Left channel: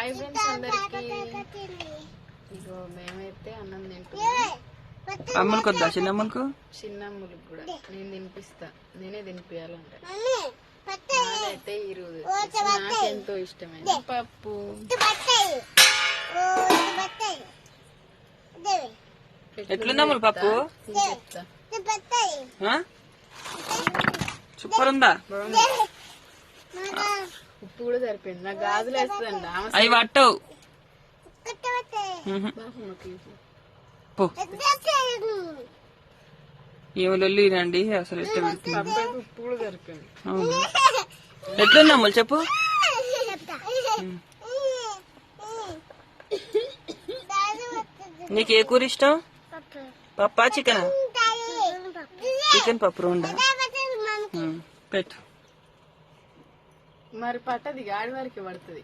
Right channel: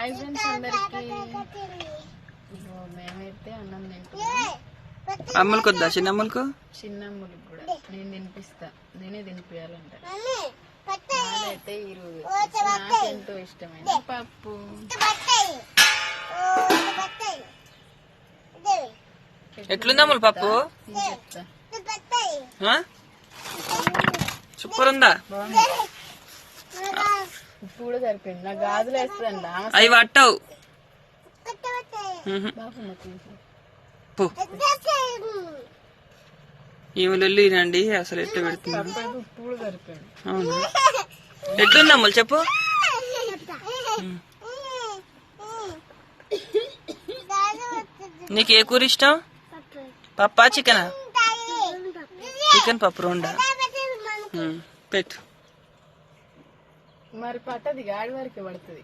Hi friends అందరికి. మేమైతే అన్నం తింటున్నాం. అమ్ములకు వద్దా? చిన్నమ్మలకు చిన్నమ్మలకు కూడా నేను తినిపిస్తా, నేనే తినిపించాలంట. అయితే ఈరోజు నాకెంతో ఇష్టమైన పప్పు. ఎట్లుందా అమ్ములు పప్పు? సూపర్ ఉందా? ఉప్పు కూడా సరిపోయింది. నాకు గాజులు వేస్తుందండి. అవి పట్టవు. ఏమో లొల్లినండి అసలు ఎట్లా పెడుతుంది. ఉప్పు కూడా సరిపోయింది. అవునా? ఎట్లుంది అమ్ములు చెప్పు. నీకు ఏ కూర ఇష్టం? పప్పా చికెనా? చికెన్ పప్పు రెండా? పెట్టు మరి పట్టది, గాడి వారికి పడుతుంది.